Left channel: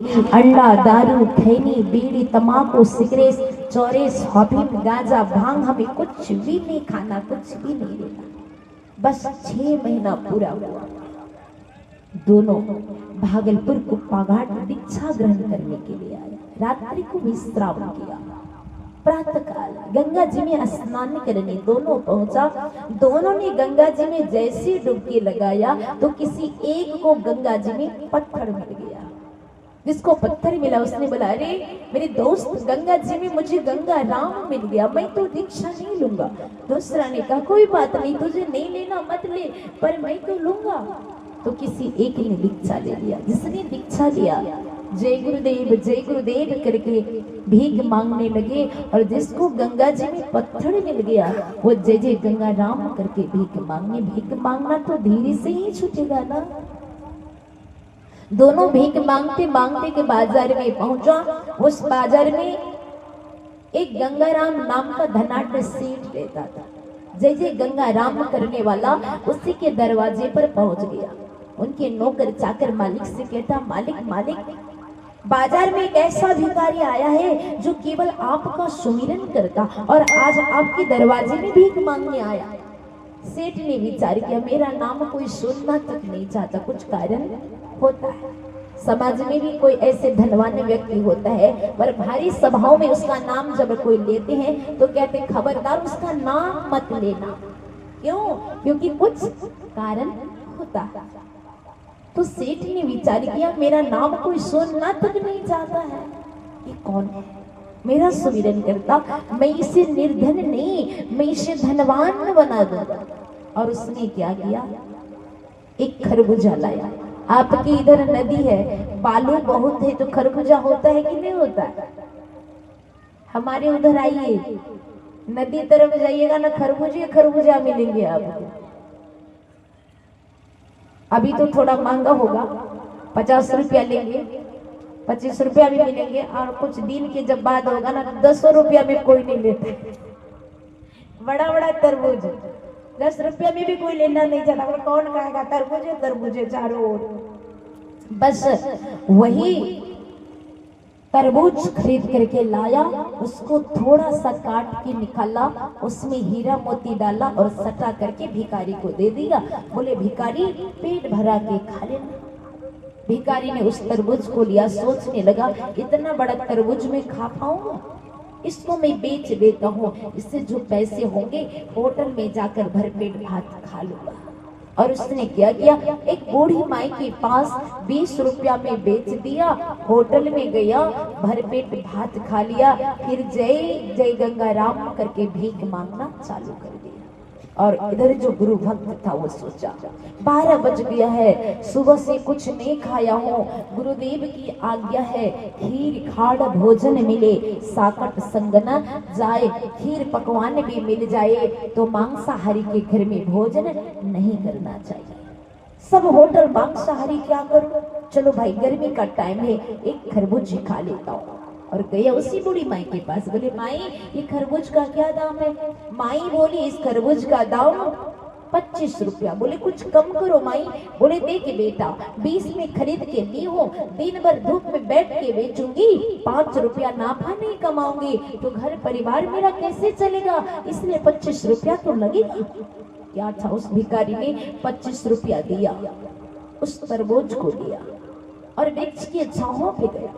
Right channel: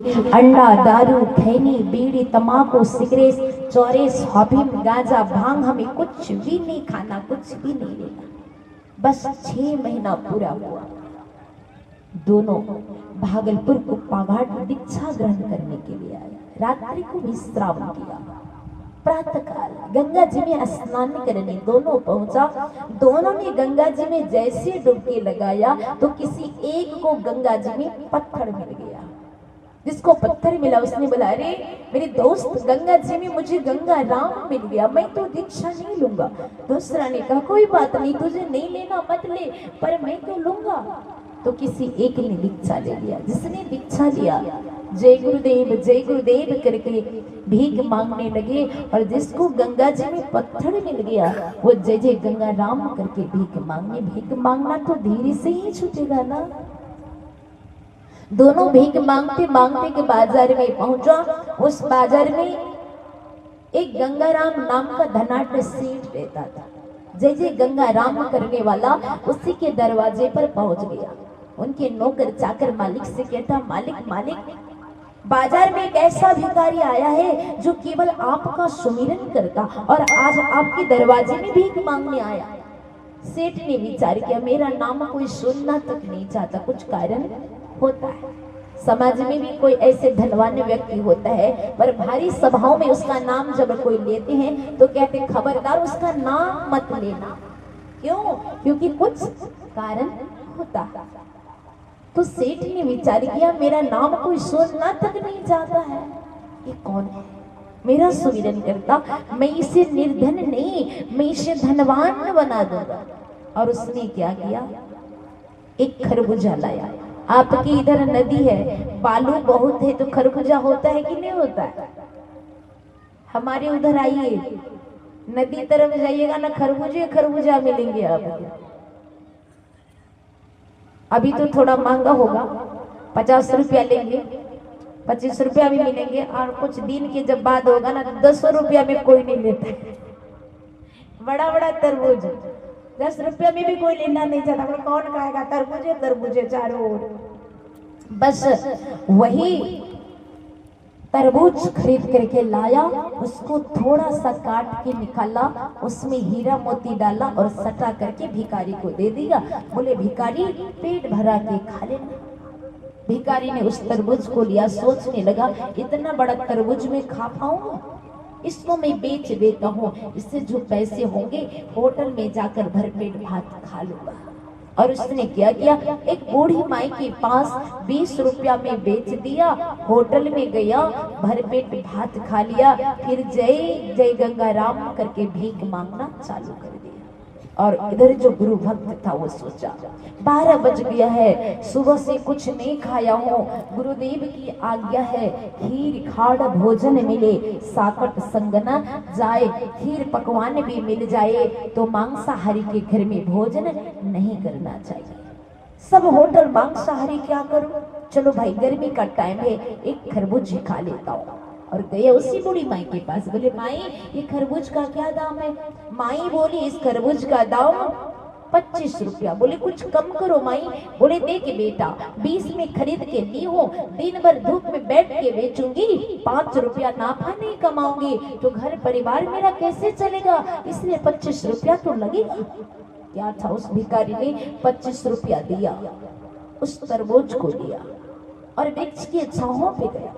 अंडा, दारू, खैनी, बीड़ी, तम्बाकू, सिगरेट, चौरेस, हॉपिंग, गांजा, भांग, हमें कुछ भी नहीं खाना, कुछ भी नहीं लेना। बस 6 महीना पूरा हुआ, दोनों भागलपुर को पाघाट दीक्षा ग्रहण करने के लिए आए। रात्रि को विश्राम किया। प्रातः काल गंगा जी में स्नान करने दोनों पहुंचा। दोनों ने गंगा जी में जैसे डुबकी लगाया तो किसी एक को गंगा जी में पत्थर मिल गया। जिसको पत्थर मिला उसने बोला, अरे मेरे दोस्त, गंगा जी में मुझे गंगा राम मिल गया, मैं तो दीक्षा नहीं लूंगा। दूसरा ने कहा, कोई बात नहीं, तुझे नहीं लेना मत ले, पर मैं तो लूंगा। तो किसी एक ने दीक्षा ले लिया। जिसने दीक्षा लिया जय गुरुदेव करके भीख मांगने लगे, और जिसको गंगा जी में पत्थर मिल गया वो जय जय गंगा राम करके भीख मांगने। भीख मांगना तो धीरे से ही छूटेगा ना। दोनों भीख मांगते मांगते के बाजार में पहुंचा। उस बाजार में एक गंगाराम नाम का धनाढ्य सेठ रहता था। जय जय गंगा राम करने वाला उसी के दरवाजे पर पहुंच गया। उनके नौकर चाकर मालिक से कहता, मालिक, बाजार में एक ऐसा भिखारी आया है जो केवल आपका सुमिरन करता और आज आपके दरवाजे में भीख मांगने आया। सेठ ने विचार किया, मेरा नाम कोई सुनना तक नहीं चाहता, कुछ कारण होता है। समाज में भी कोई ऐसे धनवान व्यक्ति होता है, पर भारी सभाओं में उसका नाम जब कोई लेते हैं तो कहते, खबरदार उसका नाम मत लेना। क्यों? क्योंकि कुछ कारण होता है। तो सेठ ने विचार किया, मेरा नाम कोई सुनना तक नहीं चाहता है, ये कौन है? मेरा सुमिरन करता, मैं इसे निर्धन नहीं, मैं इसे धनवान बना दूंगा। और उसने क्या किया, एक खरबूजा लाया। आपकी इधर नदी है, बालू बहुत है, तो खरबूजा होता है कि नहीं होता है? हमारे उधर आइए, नदी तरफ जाइएगा ना, खरबूजा मिलेंगे आपको। अभी तो थोड़ा महंगा होगा, 50 रुपया लेंगे, 25 रुपया भी मिलेंगे, और कुछ दिन के जब बाद होगा ना 10 रुपया में कोई नहीं लेते। बड़ा तरबूज 10 रुपया में भी कोई लेना नहीं चाहता। कौन खाएगा तरबूजे चारों ओर। बस वही तरबूज खरीद करके लाया, उसको थोड़ा सा काट के निकाला, उसमें हीरा मोती डाला और सटा करके भिखारी को दे दिया। बोले, भिखारी पेट भरा के खा लेना। भिखारी ने उस तरबूज को लिया, सोचने लगा, इतना बड़ा तरबूज में खा पाऊंगा, इसको मैं बेच देता हूँ, इससे जो पैसे होंगे होटल में जाकर भरपेट भात खा लूंगा। और उसने क्या किया, एक बूढ़ी माई के पास 20 रुपया में बेच दिया, होटल में गया, भरपेट भात खा लिया, फिर जय जय गंगा राम करके भीख मांगना चालू कर दिया। और इधर जो गुरु भक्त था वो सोचा, 12 बज गया है, सुबह से कुछ नहीं खाया हूँ, गुरुदेव की आज्ञा है, खीर खाड़ भोजन मिले, साकट संग न जाए, खीर पकवान भी मिल जाए तो मांसाहारी के घर में भोजन नहीं करना चाहिए। सब होटल मांसाहारी, क्या करूं, चलो भाई गर्मी का टाइम है, एक खरबूज खा लेता हूँ। और गया उसी बूढ़ी माई के पास। बोले, माई ये खरबूज का क्या दाम है? माई बोली, इस खरबूज का दाम 25 रुपया। बोले, कुछ कम करो माई। बोले, देख बेटा, 20 में खरीद के ली हो, दिन भर धूप में बैठ के बेचूंगी, 5 रुपया नाफा नहीं कमाऊंगी तो घर परिवार मेरा कैसे चलेगा, इसलिए 25 रुपया तो लगेगा। क्या था, उस भिखारी ने 25 रुपया दिया, उस तरबूज को लिया और वृक्ष की छांव पे गया।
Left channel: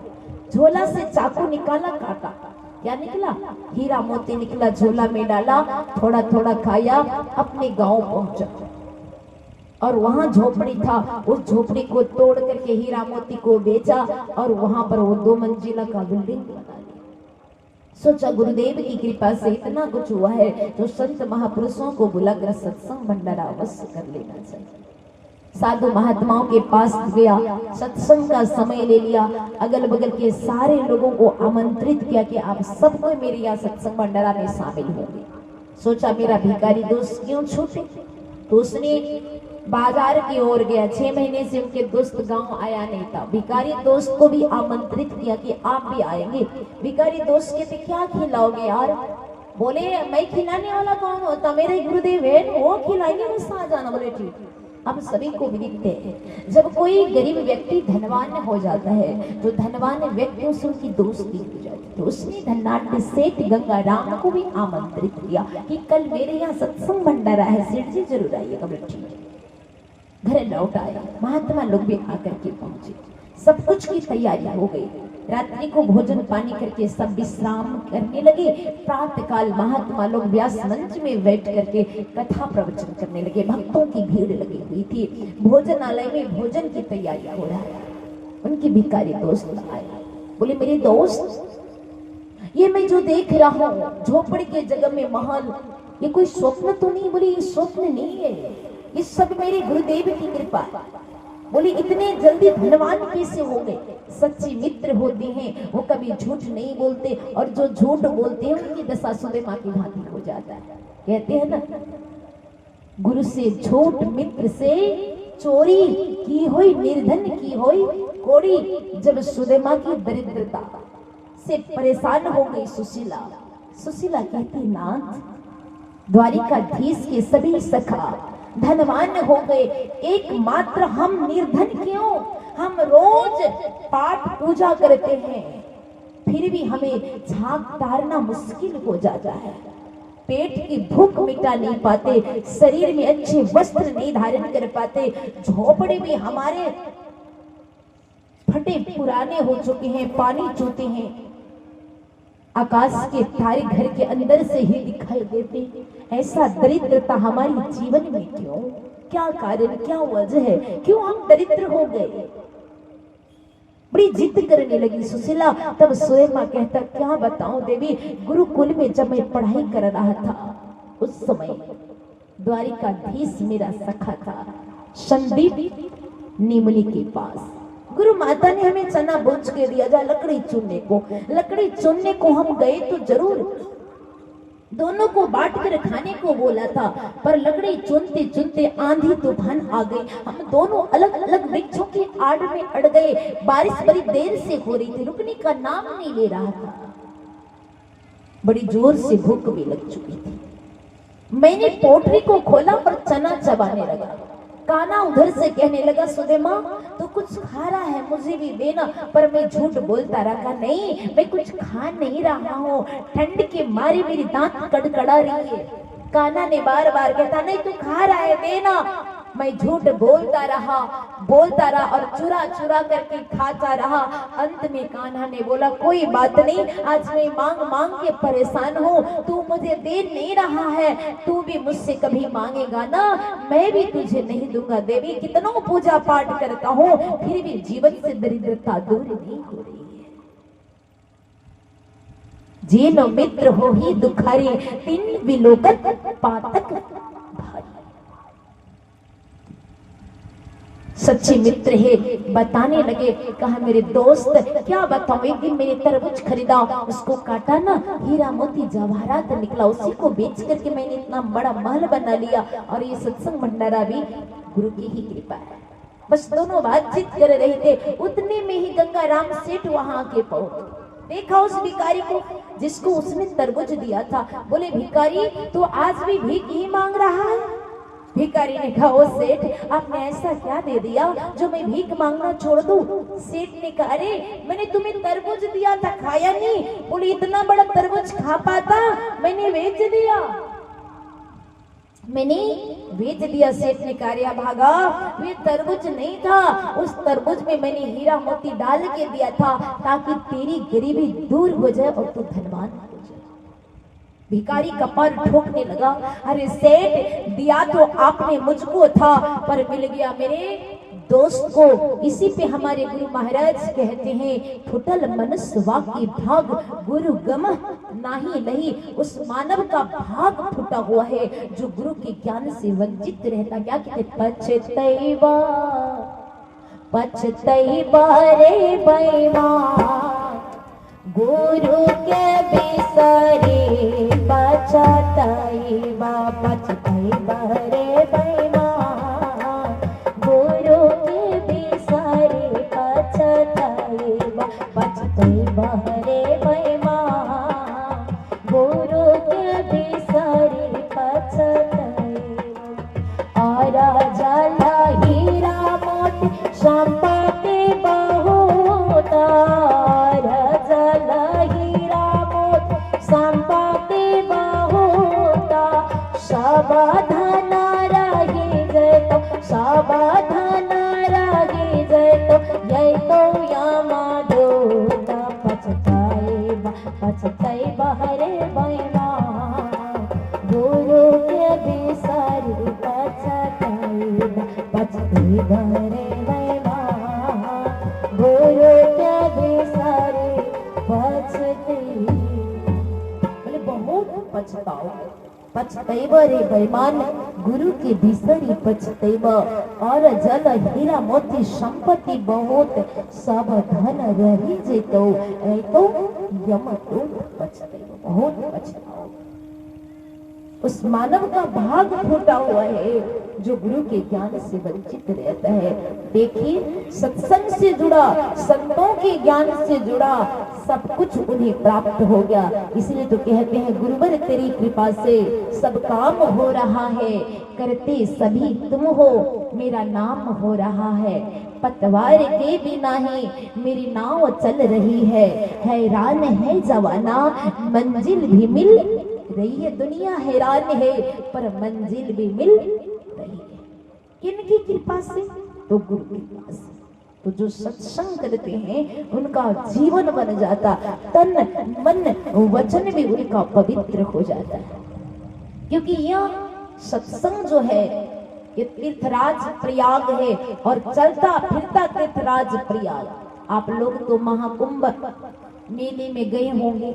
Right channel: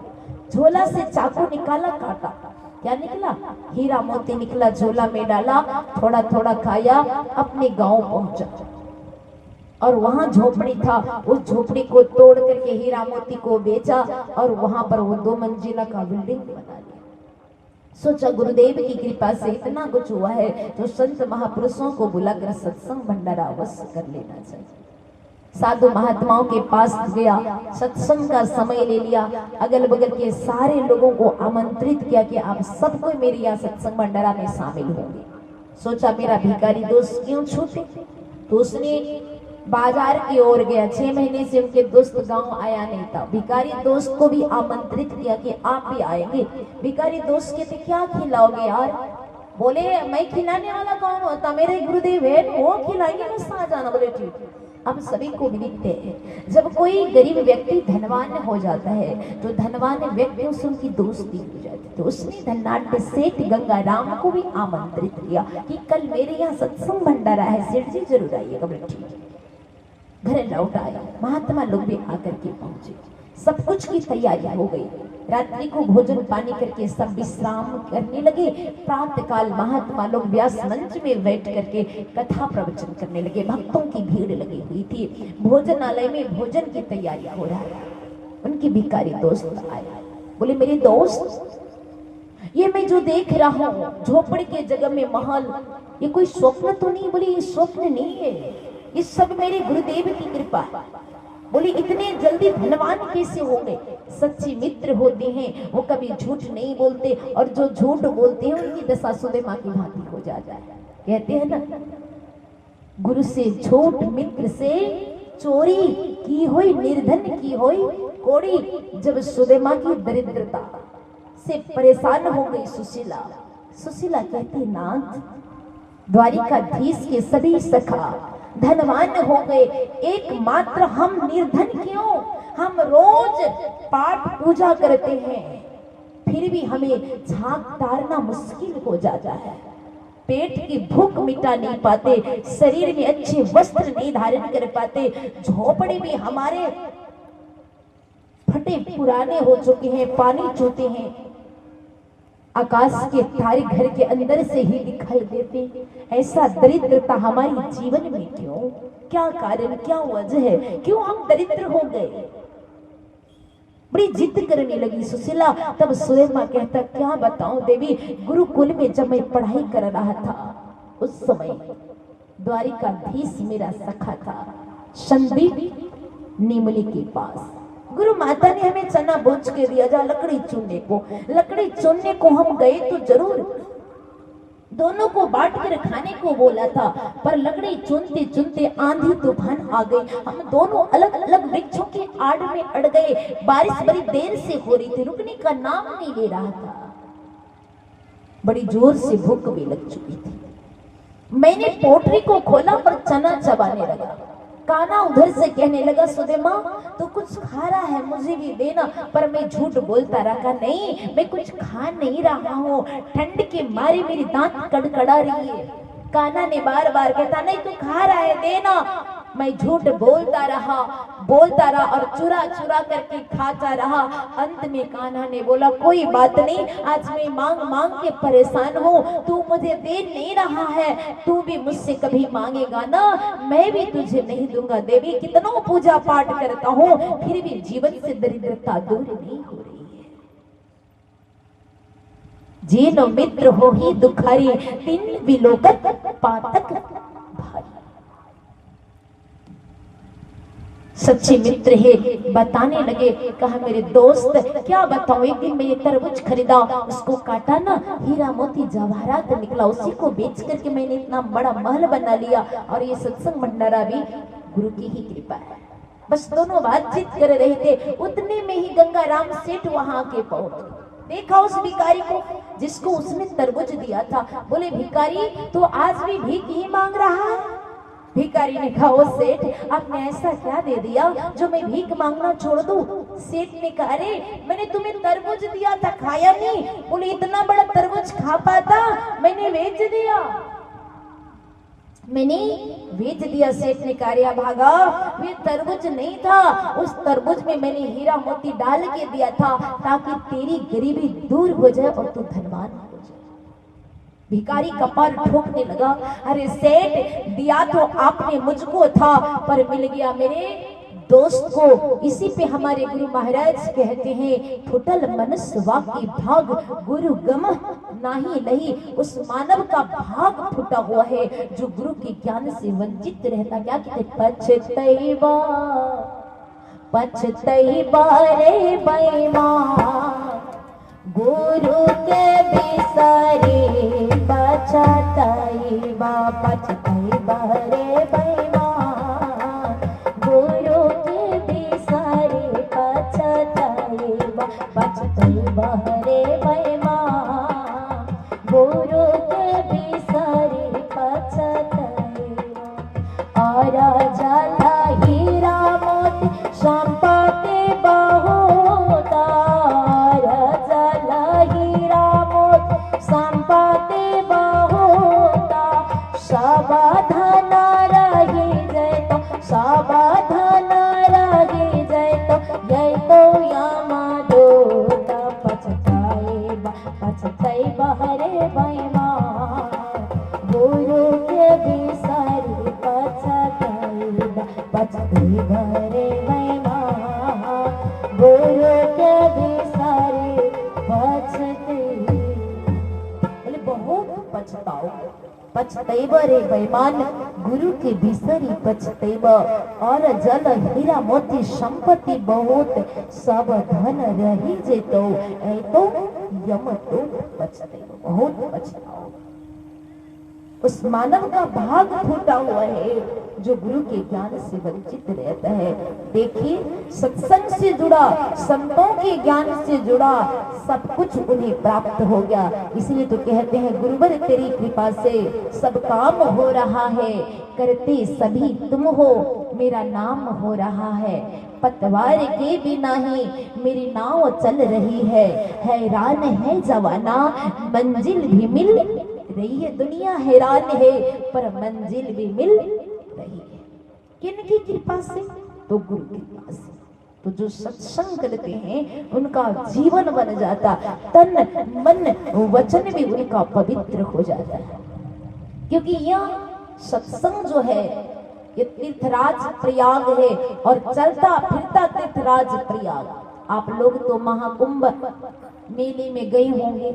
झोला से चाकू निकाला, काटा, क्या निकला, हीरा मोती निकला, झोला में डाला, थोड़ा थोड़ा खाया, अपने गांव पहुंचा। और वहां झोपड़ी था, उस झोपड़ी को तोड़ करके हीरा मोती को बेचा और वहां पर वो 2 मंजिला का बिल्डिंग बना लिया। सोचा, गुरुदेव की कृपा से इतना कुछ हुआ है तो संत महापुरुषों को बुलाकर सत्संग भंडारा अवश्य कर लेना चाहिए। साधु महात्माओं के पास गया, सत्संग का समय ले लिया, अगल बगल के सारे लोगों को आमंत्रित किया कि आप सब कोई मेरे यहाँ सत्संग भंडारा में शामिल होंगे। सोचा, मेरा भिखारी दोस्त क्यों छूटे, तो उसने बाजार की ओर गया। 6 महीने से उनके दोस्त गांव आया नहीं था। भिखारी दोस्त को भी आमंत्रित किया कि आप भी आएंगे। भिखारी दोस्त कहते, क्या खिलाओगे यार? बोले, मैं खिलाने वाला कौन होता, मेरे गुरुदेव है, वो खिलाएंगे, बस आ जाना। बोले, ठीक। अब सभी को विदित है, जब कोई गरीब व्यक्ति धनवान हो जाता है तो धनवान व्यक्तियों से उनकी दोस्ती हो जाती है। तो उसने धनाढ्य सेठ गंगाराम को भी आमंत्रित किया कि कल मेरे यहाँ सत्संग भंडारा है, सेठ जी जरूर आइएगा। बोले ठीक है। घर लौट आए, महात्मा लोग भी आकर के पहुंचे, सब कुछ की तैयारी हो गई। रात्रि को भोजन पानी करके सब विश्राम करने लगे। प्रातः काल महात्मा लोग व्यास मंच में बैठ करके कथा प्रवचन करने लगे। भक्तों की भीड़ लगी हुई थी। भोजनालय में भोजन की तैयारी हो रहा है। उनके भिखारी दोस्त आए, बोले मेरे दोस्त, ये मैं जो देख रहा हूँ झोपड़ी के जगह में महल, ये कोई स्वप्न तो नहीं? बोले ये स्वप्न नहीं है, ये सब मेरे गुरुदेव की कृपा है। बोले इतने जल्दी धनवान कैसे हो गए? सच्चे मित्र होते हैं वो कभी झूठ नहीं बोलते, और जो झूठ बोलते हैं उनकी दशा सुदेमा की भांति हो जाता है। कहते हैं ना, गुरु से झूठ मित्र से चोरी की हुई, निर्धन की हुई कोड़ी। जब सुदेमा की दरिद्रता से परेशान हो गई सुशीला, सुशीला कहती नाथ, द्वारिकाधीश के सभी सखा धनवान हो गए, एकमात्र हम निर्धन क्यों? हम रोज पाठ पूजा करते हैं, फिर भी हमें झांक तारना मुश्किल हो जाता है। पेट की भूख मिटा नहीं पाते, शरीर में अच्छे वस्त्र नहीं धारण कर पाते, झोपड़े भी हमारे फटे पुराने हो चुके हैं, पानी चूते हैं, आकाश के तारे घर के अंदर से ही दिखाई देते। ऐसा दरिद्रता हमारी जीवन में क्यों? क्या कारण, क्या वजह है, क्यों हम दरिद्र हो गए? बड़ी जिद करने लगी सुशीला। तब सुदेमा कहता, क्या बताऊं देवी, गुरुकुल में जब मैं पढ़ाई कर रहा था उस समय द्वारिकाधीश मेरा सखा था संदीप नीमली के पास। गुरु माता ने हमें चना बोझ के दिया, जा लकड़ी चुनने को। लकड़ी चुनने को हम गए तो जरूर, दोनों को बांट कर खाने को बोला था, पर लकड़ी चुनते चुनते आंधी तूफान आ गई। हम दोनों अलग अलग वृक्षों के आड़ में अड़ गए। बारिश बड़ी देर से हो रही थी, रुकने का नाम नहीं ले रहा था। बड़ी जोर से भूख भी लग चुकी थी। मैंने पोटरी को खोला और चना चबाने लगा। काना उधर से कहने लगा, सुदेमा तो कुछ खा रहा है, मुझे भी देना। पर मैं झूठ बोलता रहा, नहीं मैं कुछ खा नहीं रहा हूँ, ठंड के मारे मेरी दांत कड़कड़ा रही है। काना ने बार बार कहता, नहीं तू खा रहा है, देना। मैं झूठ बोलता रहा और चुरा चुरा करके खाता रहा। अंत में कान्हा ने बोला, कोई बात नहीं, आज मैं मांग मांग के परेशान हूँ, तू मुझे दे नहीं रहा है, तू भी मुझसे कभी मांगेगा ना, मैं भी तुझे नहीं दूंगा। देवी कितना पूजा पाठ करता हूँ, फिर भी जीवन से दरिद्रता दूर नहीं हो रही है। जीनो मित्र हो ही दुखारी, तीन विलोकत पातक भारी। सच्चे मित्र है, बताने लगे। कहा, मेरे दोस्त क्या बताऊं, एक दिन मेरे तरबूज खरीदा, उसको काटा ना, हीरा मोती जवाहरात निकला, उसी को बेच करके मैंने इतना बड़ा महल बना लिया। और ये सत्संग भंडारा भी गुरु की ही कृपा है। बस दोनों बातचीत कर रहे थे, उतने में ही गंगाराम सेठ वहां के पहुंचे। देखा उस भिखारी को जिसको उसने तरबूज दिया था। बोले, भिखारी तो आज भी भीख ही मांग रहा है? भिखारी ने कहा, ओ सेठ, आपने ऐसा क्या दे दिया जो मैं भीख मांगना छोड़ दूं? सेठ ने कहा, अरे मैंने तुम्हें तरबूज दिया था, खाया नहीं। बोले, इतना बड़ा तरबूज खा पाता? मैंने बेच दिया, मैंने बेच दिया। सेठ ने कहा, भागा, वे तरबूज नहीं था, उस तरबूज में मैंने हीरा मोती डाल के दिया था ताकि तेरी गरीबी दूर हो जाए और तू धनवान हो जाए। भिखारी कपार ठोकने लगा, अरे सेठ, दिया तो आपने मुझको था, पर मिल गया मेरे दोस्त को। इसी पे हमारे गुरु महाराज कहते हैं, फुटल मनुष्य वाकी भाग, गुरु गम नाही नहीं। उस मानव का भाग फुटा हुआ है जो गुरु के ज्ञान से वंचित रहता। क्या कहते, पछतैबा पछतैबा रे बेईमान, गुरु के बिसरे पछतैबा, पछतैबा रे बेईमान, गुरु के बिसरे पछतैबा, पछतैबा रे बेईमान, गुरु के बिसरे पछतैबा। और जाला सावधान रही जय तो सावधान रही जय तो यमदूत पछताए बहरे बैमा गुरु के बिसरी पछते बहरे बैमा गुरु के बिसरी पछते बहुत पछताओ पछतैब रे बेईमान गुरु के बिसरी पछतैब और जल हीरा मोती संपत्ति बहुत सब धन रही जेतो तो यम तो पछतैब बहुत पछताओ। उस मानव का भाग फूटा हुआ है जो गुरु के ज्ञान से वंचित रहता है। देखिए सत्संग से जुड़ा संतों के ज्ञान से जुड़ा सब कुछ उन्हें प्राप्त हो गया। इसलिए तो कहते हैं गुरुवर तेरी कृपा से सब काम हो रहा है करते सभी तुम हो मेरा नाम हो रहा है पतवार के बिना ही मेरी नाव चल रही है हैरान है जवाना मंजिल भी मिल रही है दुनिया हैरान है पर मंजिल भी मिल रही है किनकी कृपा से तो गुरु की कृपा से। तो जो सत्संग करते हैं उनका जीवन बन जाता तन मन वचन भी उनका पवित्र हो जाता है क्योंकि यह सत्संग जो है ये तीर्थराज प्रयाग है और चलता फिरता तीर्थराज प्रयाग। आप लोग तो महाकुंभ मेले में गए होंगे।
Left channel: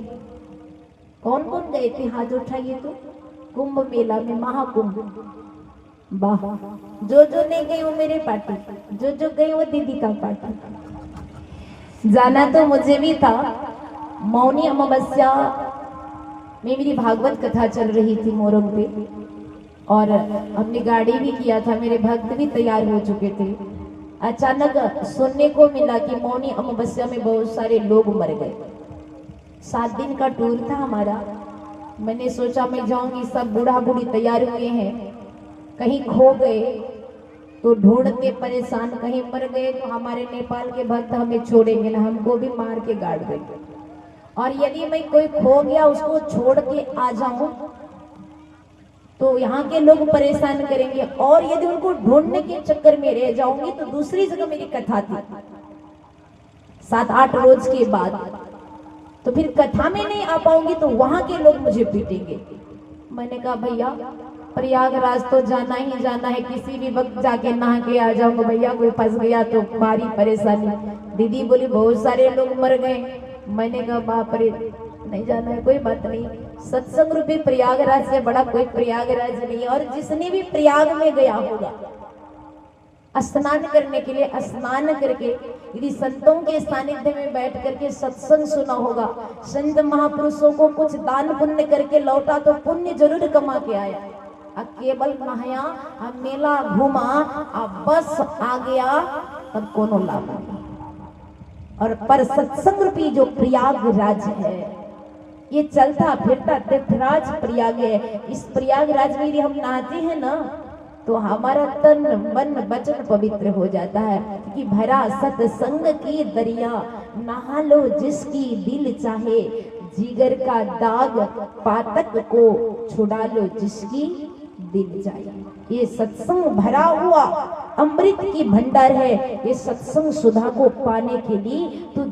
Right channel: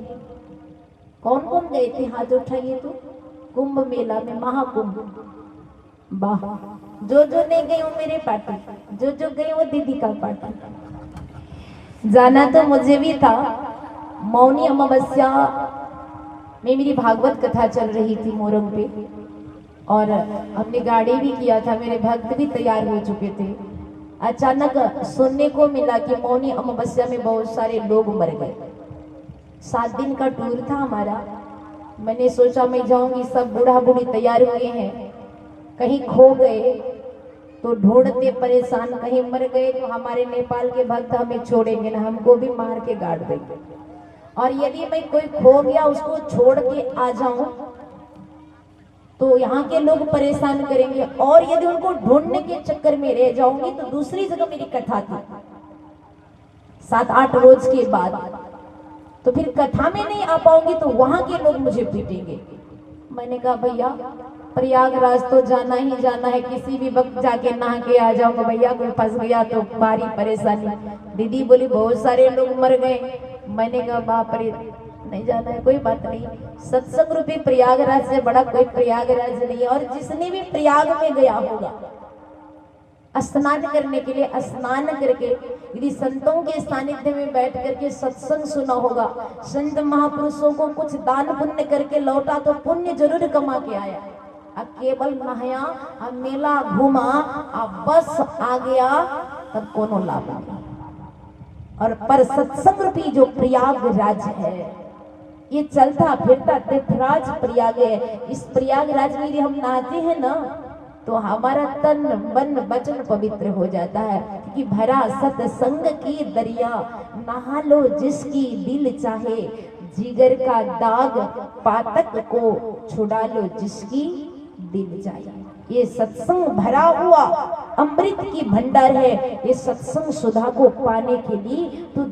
कौन कौन गए थे हाथ उठाइए तो कुंभ मेला में महाकुंभ वाह जो नहीं गई वो मेरी पार्टी जो गई वो दीदी का पार्टी। जाना तो मुझे भी था। मौनी अमावस्या में मेरी भागवत कथा चल रही थी मोरंग पे और हमने गाड़ी भी किया था मेरे भक्त भी तैयार हो चुके थे। अचानक सुनने को मिला कि मौनी अमावस्या में बहुत सारे लोग मर गए। 7 दिन का टूर था हमारा। मैंने सोचा मैं जाऊंगी सब बूढ़ा बूढ़ी तैयार हुए हैं कहीं खो गए तो ढूंढते परेशान कहीं मर गए तो हमारे नेपाल के भक्त हमें छोड़ेंगे ना हमको भी मार के गाड़ देंगे और यदि मैं कोई खो गया उसको छोड़ के आ जाऊं तो यहाँ के लोग परेशान करेंगे और यदि उनको ढूंढने के चक्कर में रह जाऊंगी तो दूसरी जगह मेरी कथा थी 7-8 रोज के बाद तो फिर कथा में नहीं आ पाऊंगी तो वहां के लोग मुझे पीटेंगे। मैंने कहा भैया प्रयागराज तो जाना ही जाना है किसी भी वक्त जाके नहा के आ जाऊंगा भैया कोई फंस गया तो भारी परेशानी। दीदी बोली बहुत सारे लोग मर गए। मैंने कहा बाप रे नहीं जाना है कोई बात नहीं सत्संग रूपी प्रयागराज से बड़ा कोई प्रयागराज नहीं है। और जिसने भी प्रयाग में गया होगा स्नान करने के लिए स्नान करके यदि संतों के सानिध्य में बैठ करके सत्संग सुना होगा संत महापुरुषों को कुछ दान पुण्य करके लौटा तो पुण्य जरूर कमा के आया। केवल नहाया मेला घूमा बस आ गया तब कोनो लाभ नहीं। और पर सत्संग रूपी जो प्रयागराज है ये चलता फिरता तीर्थराज प्रयाग है। इस प्रयागराज में यदि हम नहाते हैं ना तो हमारा तन मन वचन पवित्र हो जाता है कि भरा सत्संग की दरिया नहा लो जिसकी दिल चाहे जिगर का दाग पातक को छुड़ा लो जिसकी दिल चाहे। ये सत्संग भरा हुआ अमृत की भंडार है। ये सत्संग सुधा को पाने के लिए तो